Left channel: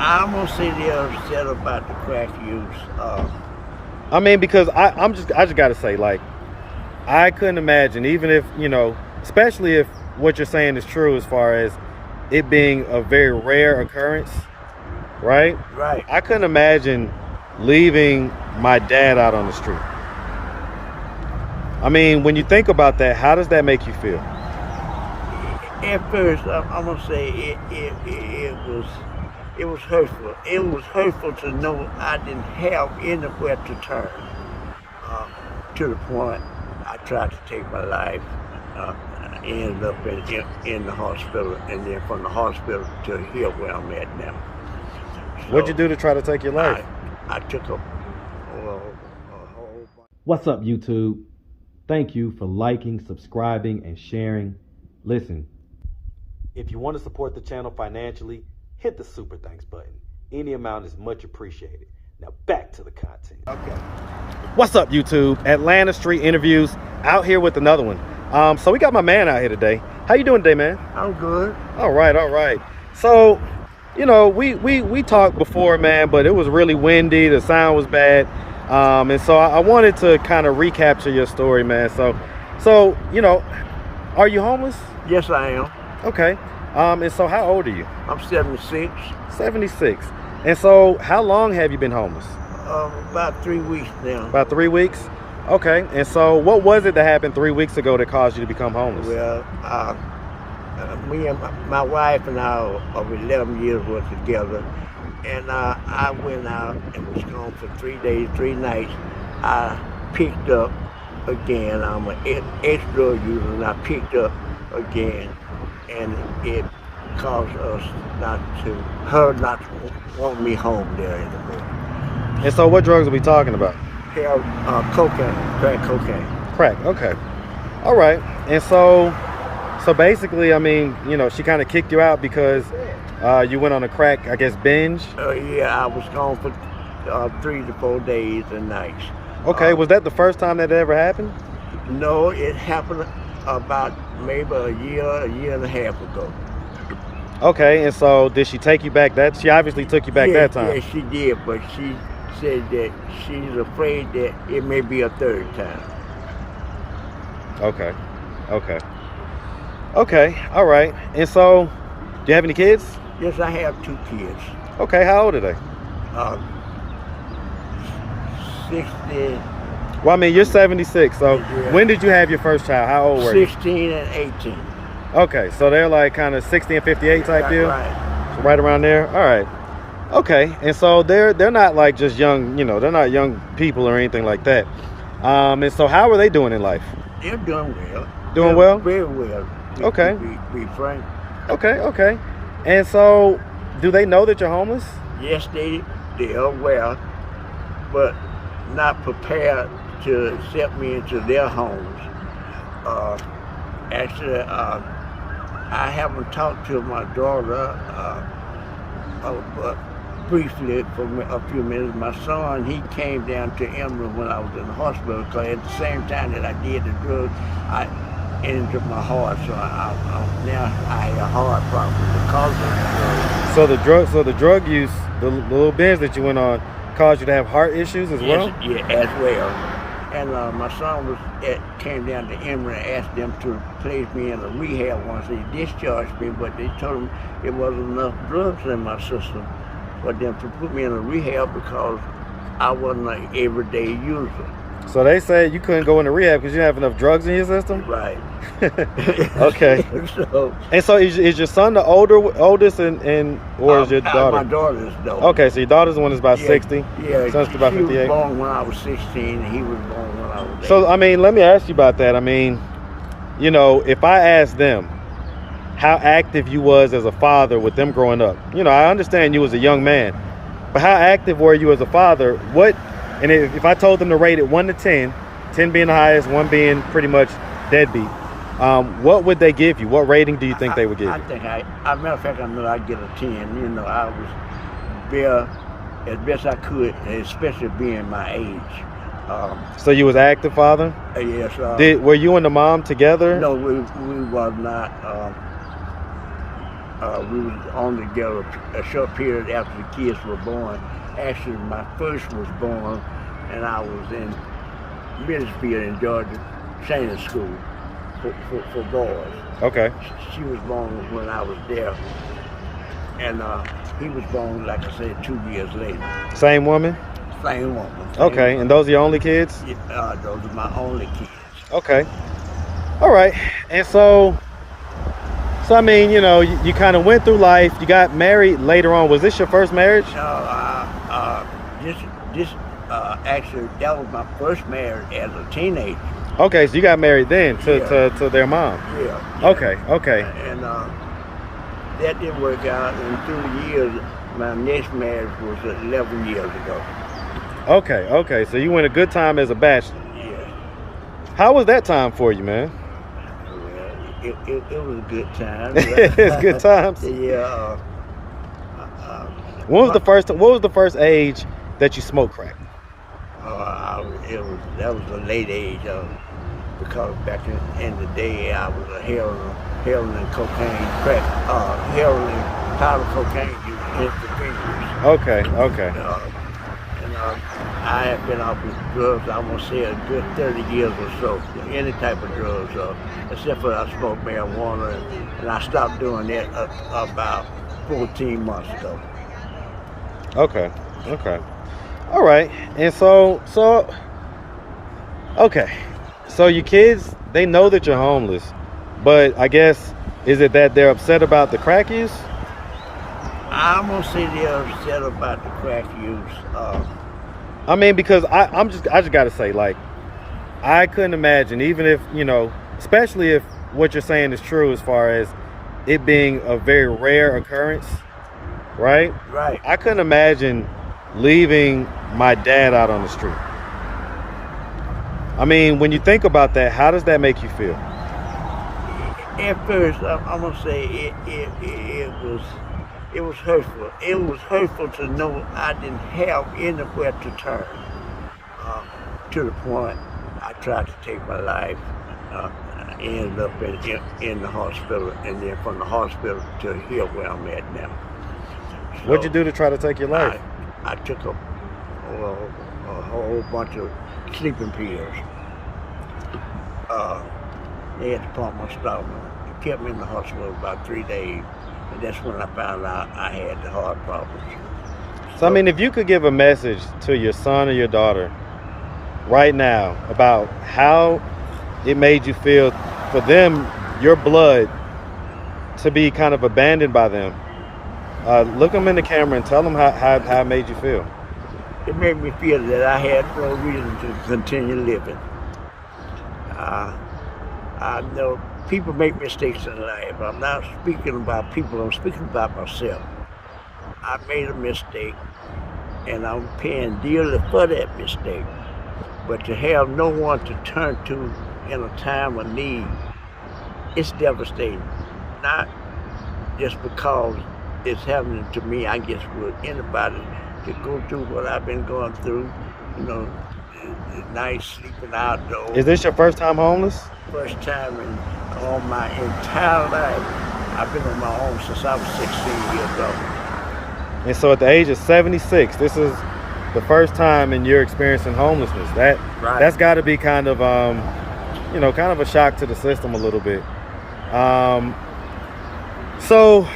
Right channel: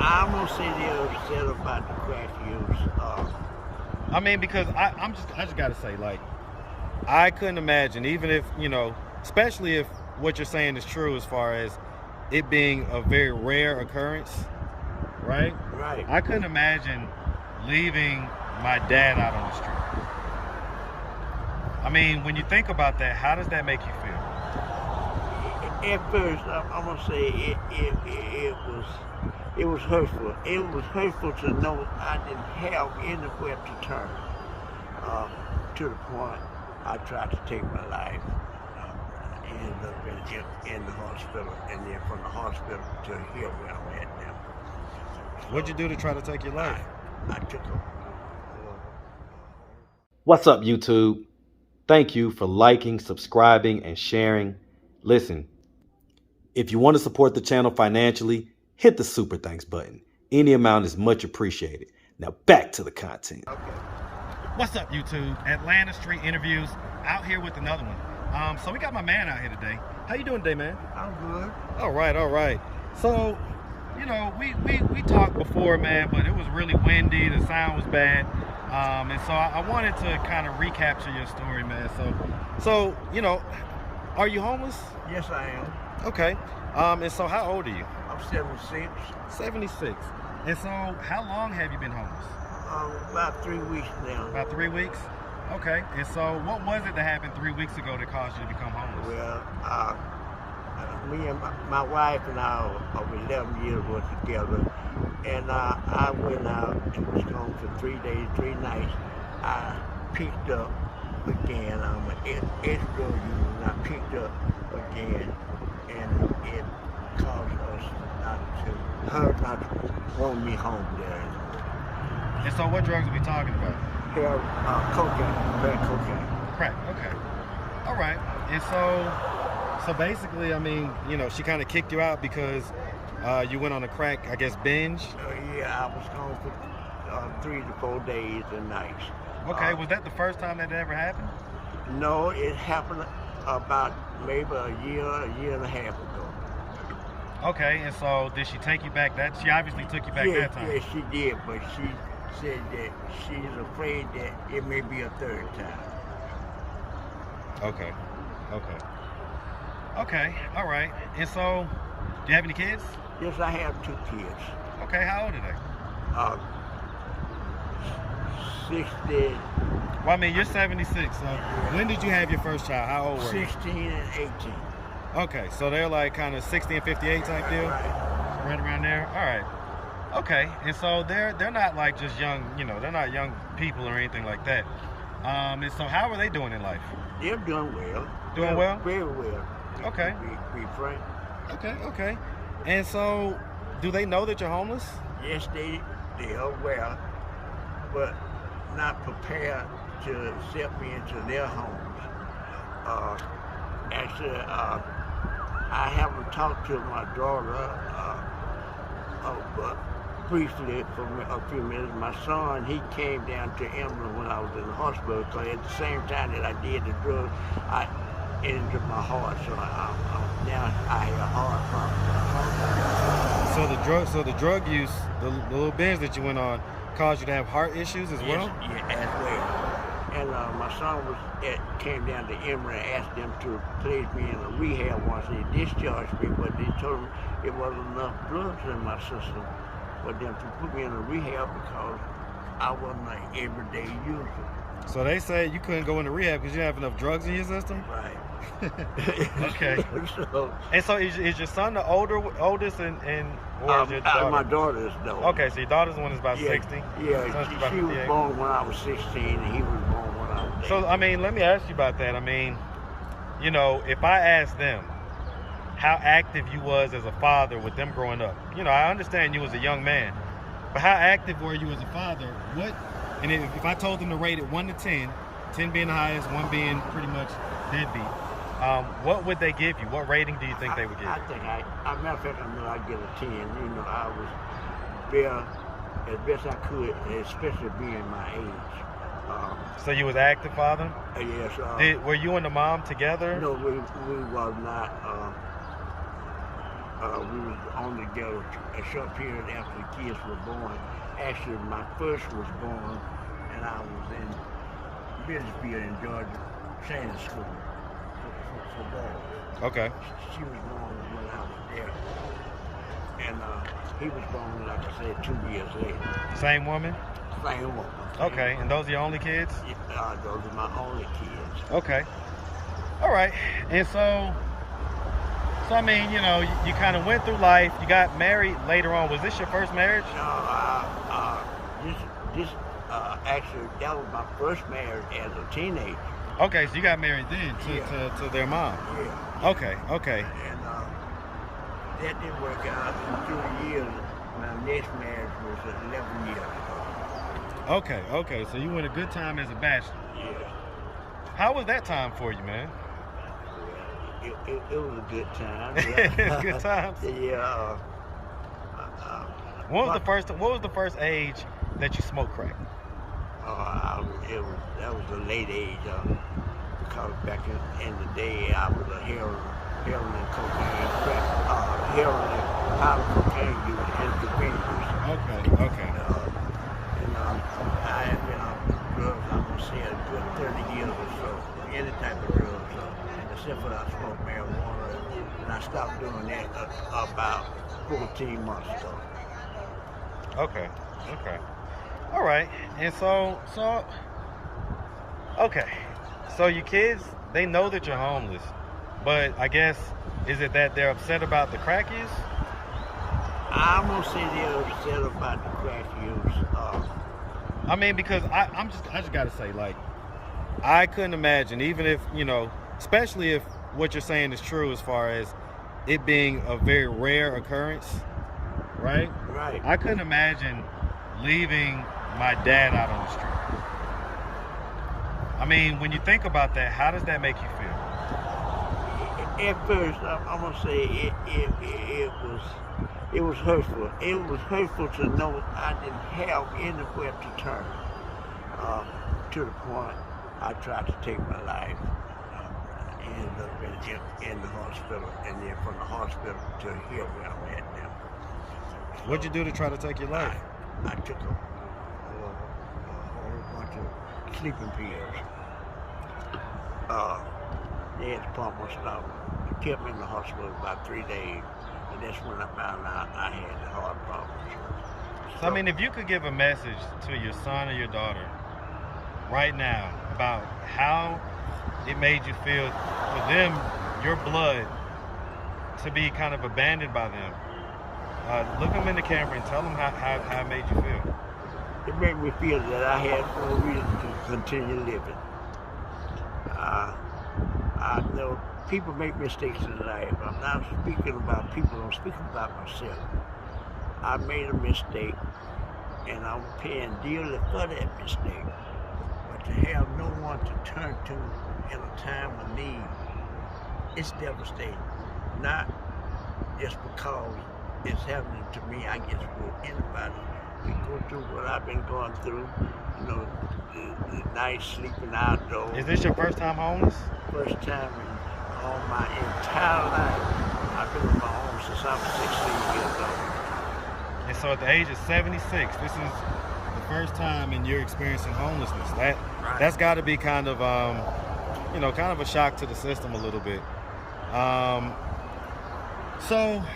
I'm gonna say they're upset about the crack use. I mean, because I just gotta say, like, I couldn't imagine, even if, especially if what you're saying is true as far as it being a very rare occurrence, right? Right. I couldn't imagine leaving my dad out on the street. I mean, when you think about that, how does that make you feel? At first, I'm gonna say it was hurtful. It was hurtful to know I didn't have anywhere to turn. Uh, to the point I tried to take my life. I ended up in the hospital, and then from the hospital to here where I'm at now. What'd you do to try to take your life? I took a whole bunch. What's up, YouTube? Thank you for liking, subscribing, and sharing. Listen, if you want to support the channel financially, hit the super thanks button. Any amount is much appreciated. Now back to the content. Okay. What's up, YouTube? Atlanta Street Interviews, out here with another one. So we got my man out here today. How you doing today, man? I'm good. All right. So, we talked before, man, but it was really windy. The sound was bad. And so I wanted to kind of recapture your story, man. So, are you homeless? Yes, I am. Okay. And so how old are you? I'm 76. 76. And so how long have you been homeless? About 3 weeks now. About 3 weeks? Okay. And so what was it that happened 3 weeks ago that caused you to become homeless? Well, me and my wife and I of 11 years were together, and I went out and was gone for 3 days, 3 nights. I picked up again. I'm an ex-drug user, and I picked up again, and it caused her not to want me home there anymore. And so what drugs are we talking about? Cocaine, crack cocaine. Crack, okay. All right. And so basically, I mean, she kind of kicked you out because you went on a crack, I guess, binge? Yeah, I was gone for 3 to 4 days and nights. Okay, was that the first time that ever happened? No, it happened about maybe a year and a half ago. Okay, and so did she take you back she obviously took you back that time? Yeah, she did, but she said that she's afraid that it may be a third time. Okay, all right. And so, do you have any kids? Yes, I have 2 kids. Okay, how old are they? 60. Well, I mean, you're 76, so Yeah. When did you have your first child? How old were you? 16 and 18. Okay, so they're like kind of 60 and 58 type deal? Right. So right around there? All right. Okay, and so they're not like just young, they're not young people or anything like that. And so how are they doing in life? They're doing well. Doing well? Very well. Okay. Be frank. Okay. And so, do they know that you're homeless? Yes, they are aware, but not prepared to accept me into their homes. Actually, I haven't talked to my daughter, but briefly for a few minutes. My son, he came down to Emory when I was in the hospital, because at the same time that I did the drugs, I injured my heart, so now I have a heart problem because of the drugs. So the drug use, the little binge that you went on, caused you to have heart issues as well? Yeah, as well. And my son came down to Emory and asked them to place me in a rehab once. They discharged me, but they told him it wasn't enough drugs in my system for them to put me in a rehab because I wasn't an everyday user. So they said you couldn't go into rehab because you didn't have enough drugs in your system? Right. Okay. So is your son the oldest or is your daughter? My daughter is the oldest. Okay, so your daughter's the one that's about 60? Yeah, son's about she 58? was born when I was 16 and he was born when I was 8. So, I mean, let me ask you about that. I mean, if I ask them how active you was as a father with them growing up, I understand you was a young man, but how active were you as a father? And if I told them to rate it 1 to 10, 10 being the highest, 1 being pretty much deadbeat, what would they give you? What rating do you think they would give you? I think matter of fact, I know I'd get a 10. I was there as best I could, especially being my age. So you was an active father? Yes. Were you and the mom together? No, we was not. We was on together a short period after the kids were born. Actually, my first was born, and I was in Millersville in Georgia training school for boys. Okay. She was born when I was there, and he was born, like I said, 2 years later. Same woman? Same woman. Okay, and those are your only kids? Those are my only kids. Okay. All right. And so I mean, you know, you kind of went through life. You got married later on. Was this your first marriage? No, actually, that was my first marriage as a teenager. Okay, so you got married then to their mom. Yeah. Okay. And that didn't work out. And through the years, my next marriage was 11 years ago. Okay. So you went a good time as a bachelor. Yes. How was that time for you, man? Well, it was a good time. It's good times. Yeah. What was the first age that you smoked crack? That was a late age, because back in the day I was a heroin and cocaine crack, heroin and powder cocaine use intravenous. Okay. And I had been off with drugs, I'm gonna say a good 30 years or so, any type of drugs, except for I smoked marijuana, and I stopped doing that about 14 months ago. Okay. All right. And so okay. So your kids, they know that you're homeless, but I guess, is it that they're upset about the crack use? I'm gonna say they're upset about the crack use. I mean, because I just gotta say, like, I couldn't imagine, even if, you know, especially if what you're saying is true as far as it being a very rare occurrence, right? Right. I couldn't imagine leaving my dad out on the street. I mean, when you think about that, how does that make you feel? At first, I'm gonna say it was hurtful. It was hurtful to know I didn't have anywhere to turn. To the point I tried to take my life. I ended up in the hospital, and then from the hospital to here where I'm at now. So What'd you do to try to take your life? I took a whole bunch of sleeping pills. They had to pump my stomach. It kept me in the hospital about 3 days, and that's when I found out I had the heart problems. So I mean, if you could give a message to your son or your daughter right now about how it made you feel for them, your blood, to be kind of abandoned by them, look them in the camera and tell them how it made you feel. It made me feel that I had no reason to continue living. I know people make mistakes in life. I'm not speaking about people, I'm speaking about myself. I made a mistake, and I'm paying dearly for that mistake. But to have no one to turn to in a time of need, it's devastating. Not just because it's happening to me, I guess with anybody, to go through what I've been going through, you know, the night sleeping outdoors. Is this your first time homeless? First time in all my entire life. I've been on my own since I was 16 years old. And so at the age of 76, this is the first time in your experiencing homelessness. That's got to be kind of, you know, kind of a shock to the system a little bit. So,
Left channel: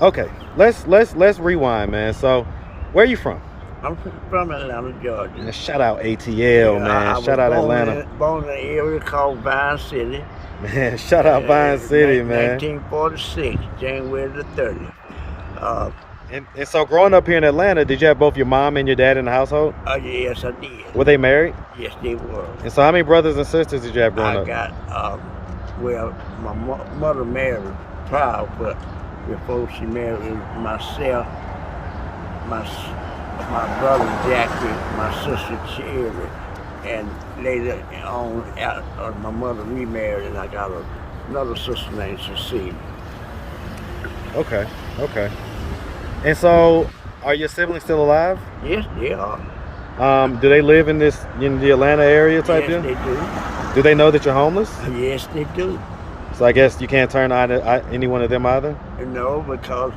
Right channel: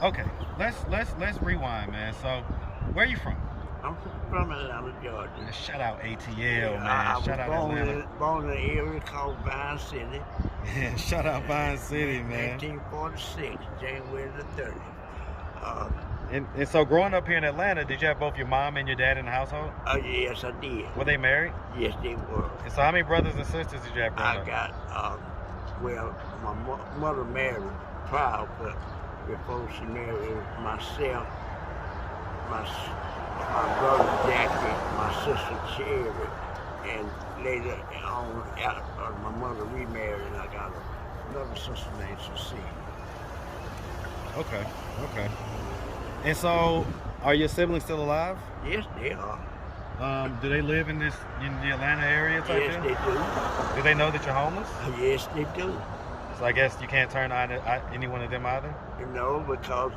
okay, let's rewind, man. So, where are you from? I'm from Atlanta, Georgia. And shout out ATL, man. Shout out Atlanta. Born in an area called Vine City. Man, shout out Vine City, man. 1946, January the 30th. And so growing up here in Atlanta, did you have both your mom and your dad in the household? Yes, I did. Were they married? Yes, they were. And so how many brothers and sisters did you have growing up? I got, well, my mother married proud, but before she married, it was myself, my brother Jackie, my sister Cherry, and later on, my mother remarried, and I got another sister named Cecilia. Okay. And so, are your siblings still alive? Yes, they are. Do they live in the Atlanta area type? Yes, they do. Do they know that you're homeless? Yes, they do. So I guess you can't turn any one of them either? Because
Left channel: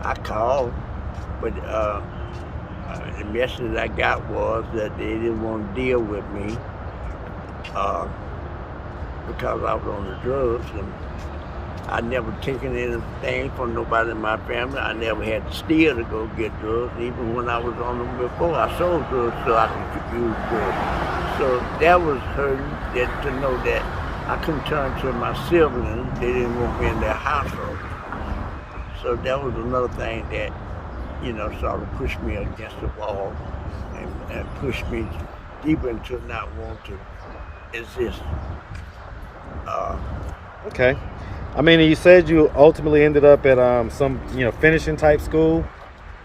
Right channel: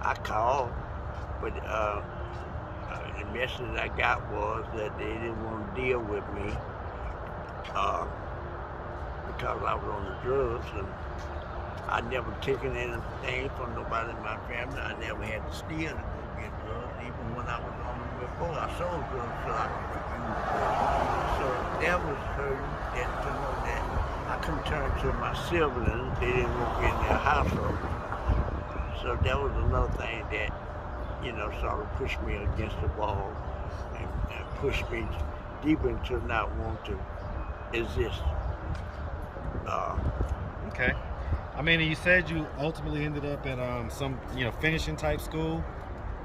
I called, but the message I got was that they didn't want to deal with me uh, because I was on the drugs, and I never taken anything from nobody in my family. I never had to steal to go get drugs. Even when I was on them before, I sold drugs so I could use drugs. So that was hurting, to know that I couldn't turn to my siblings. They didn't want me in their household. So that was another thing that, sort of pushed me against the wall and pushed me deeper into not want to exist. Okay. I mean, you said you ultimately ended up at some, finishing type school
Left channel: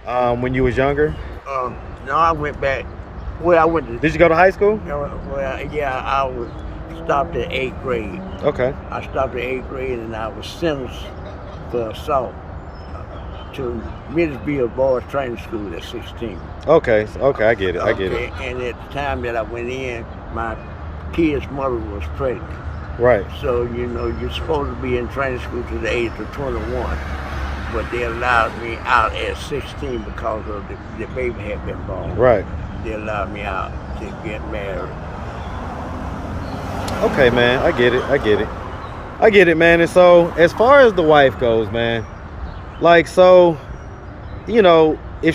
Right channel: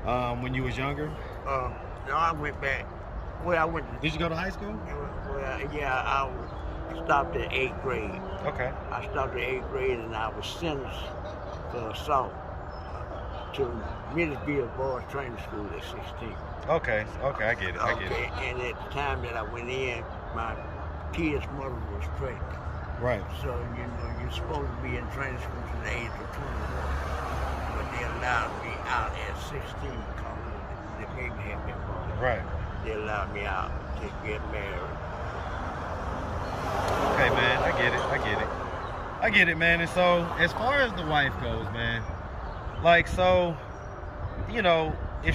when you was younger. No, I went back. Well, I went to. Did you go to high school? I was stopped at 8th grade. Okay. I stopped at 8th grade, and I was sentenced for assault to Millersville Boys Training School at 16. Okay, I get it. I get it. And at the time that I went in, my kid's mother was pregnant. Right. So, you're supposed to be in training school to the age of 21. But they allowed me out at 16 because of the baby had been born. Right. They allowed me out to get married. Okay, man. I get it, man. And so, as far as the wife goes, man, if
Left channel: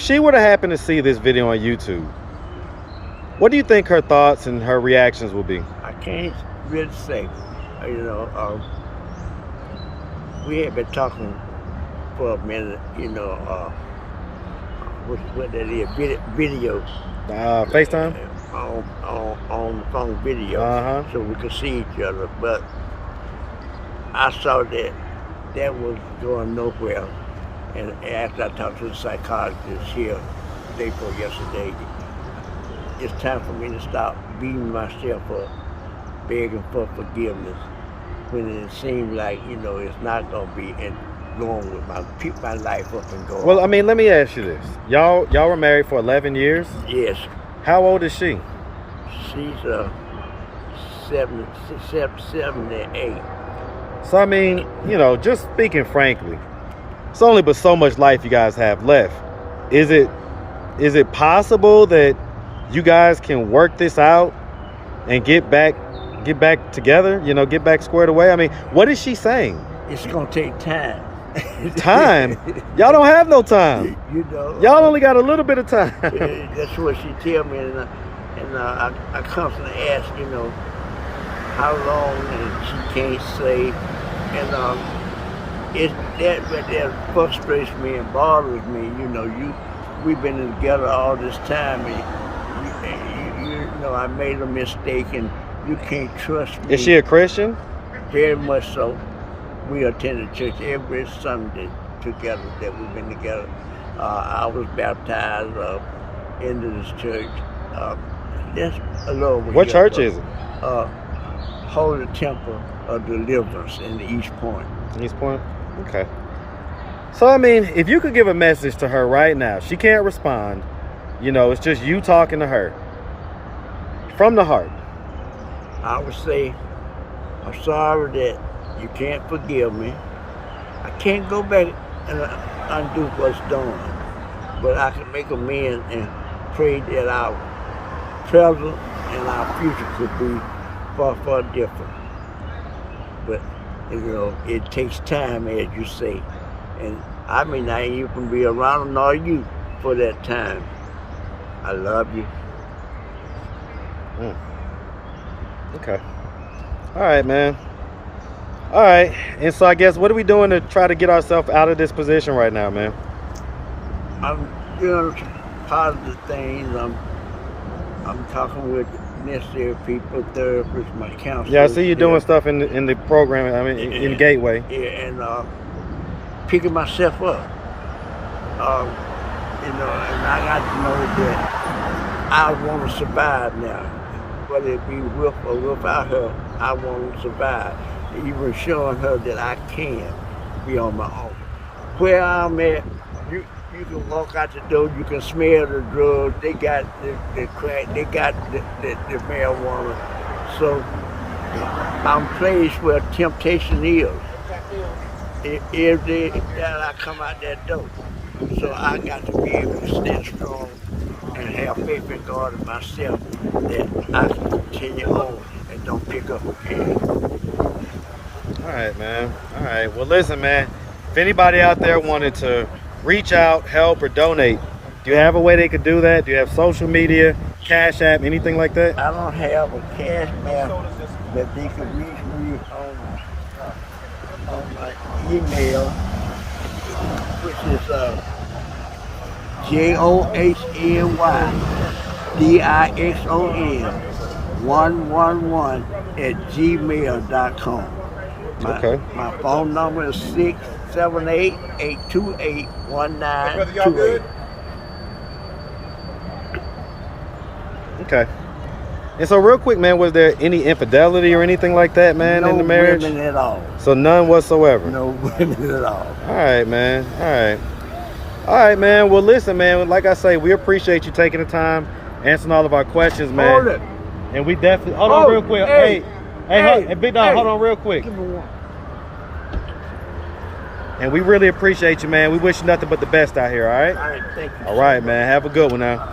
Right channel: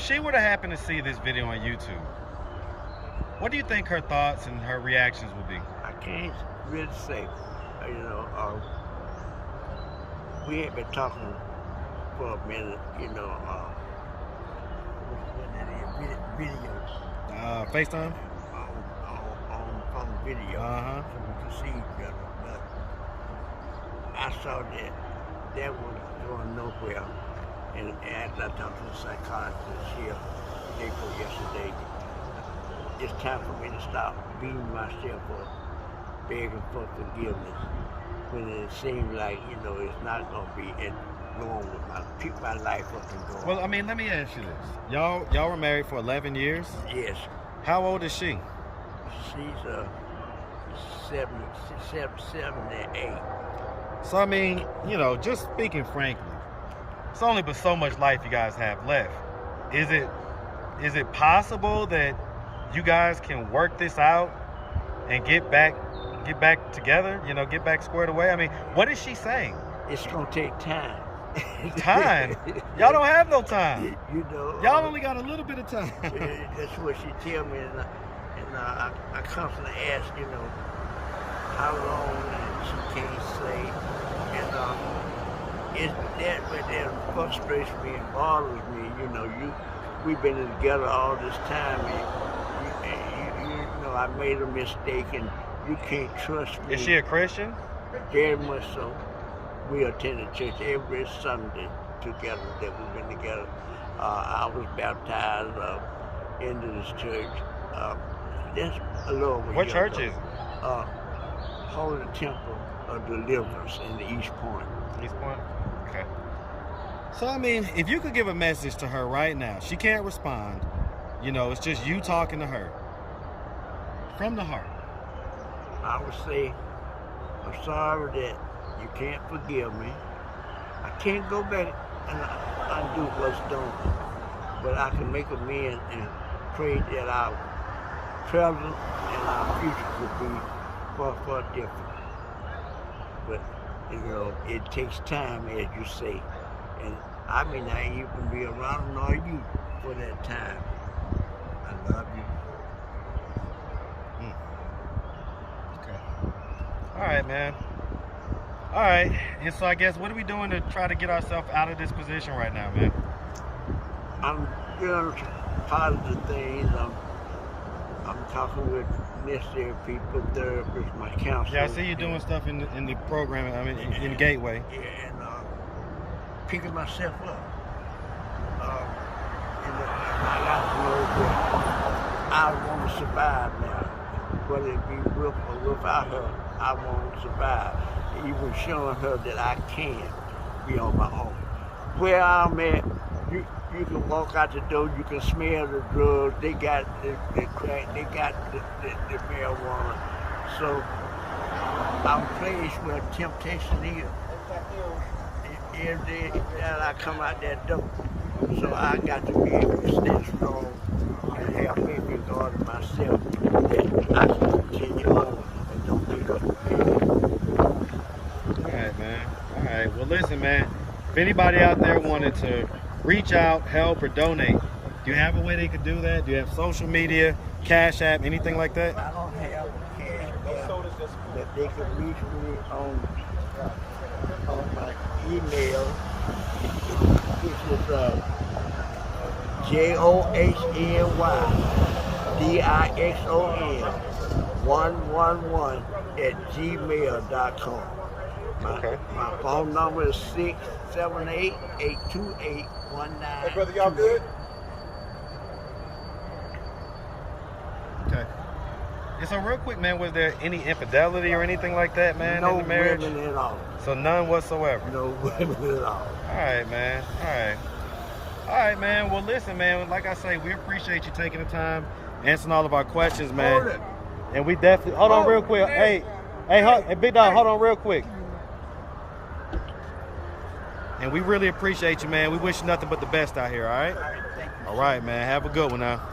she were to happen to see this video on YouTube, what do you think her thoughts and her reactions will be? I can't really say. We had been talking for a minute, what that is, video. FaceTime? On the phone video, so we could see each other. But I saw that was going nowhere. And after I talked to the psychologist here, day before yesterday, it's time for me to stop beating myself up, begging for forgiveness, when it seems like, it's not going to be going with keep my life up and going. Well, I mean, let me ask you this. Y'all were married for 11 years? Yes. How old is she? She's 78. So, I mean, just speaking frankly, it's only but so much life you guys have left. Is it possible that you guys can work this out and get back together, get back squared away? I mean, what is she saying? It's going to take time. Time? Y'all don't have no time. Y'all only got a little bit of time. That's what she tell me, and I constantly ask, how long, and she can't say, and that frustrates me and bothers me. We've been together all this time, and I made a mistake, and you can't trust me. Is she a Christian? Very much so. We attended church every Sunday together that we've been together. I was baptized into this church. That's a little over. What church is it? Holy Temple of Deliverance in the East Point. East Point? Okay. So, I mean, if you could give a message to her right now, she can't respond. It's just you talking to her. From the heart. I would say, I'm sorry that you can't forgive me. I can't go back and undo what's done, but I can make amends and pray that our present and our future could be far, far different. But, it takes time, as you say, and I may not even be around nor you for that time. I love you. Okay. All right, man. All right. And so I guess what are we doing to try to get ourselves out of this position right now, man? I'm doing some positive things. I'm talking with necessary people, therapists, my counselors. Yeah, I see you doing stuff in the program. I mean, in Gateway. Yeah, and picking myself up. And I got to know that I want to survive now. Whether it be with or without her, I want to survive. Even showing her that I can be on my own. Where I'm at, you can walk out the door, you can smell the drugs, they got the crack, they got the marijuana. So I'm placed where temptation is. Every day that I come out that door. So I got to be able to stand strong and have faith in God and myself that I can continue on and don't pick up again. All right, man. All right. Well, listen, man. If anybody out there wanted to reach out, help, or donate, do you have a way they could do that? Do you have social media, Cash App, anything like that? I don't have a cash map, but they can reach me on my email, which is JOHNYDIXON111 Okay. My phone number is 678-828-1928. Okay. And so, real quick, man, was there any infidelity or anything like that, man, No in the marriage? women at all. So none whatsoever. No women at all. All right, man. All right. All right, man. Well, listen, man. Like I say, we appreciate you taking the time, answering all of our questions, man. Hold it. And we definitely hold on real quick. Hey, big dog, hold on real quick. Give me one. And we really appreciate you, man. We wish you nothing but the best out here. All right. All right, thank you. All right, man. Have a good one now.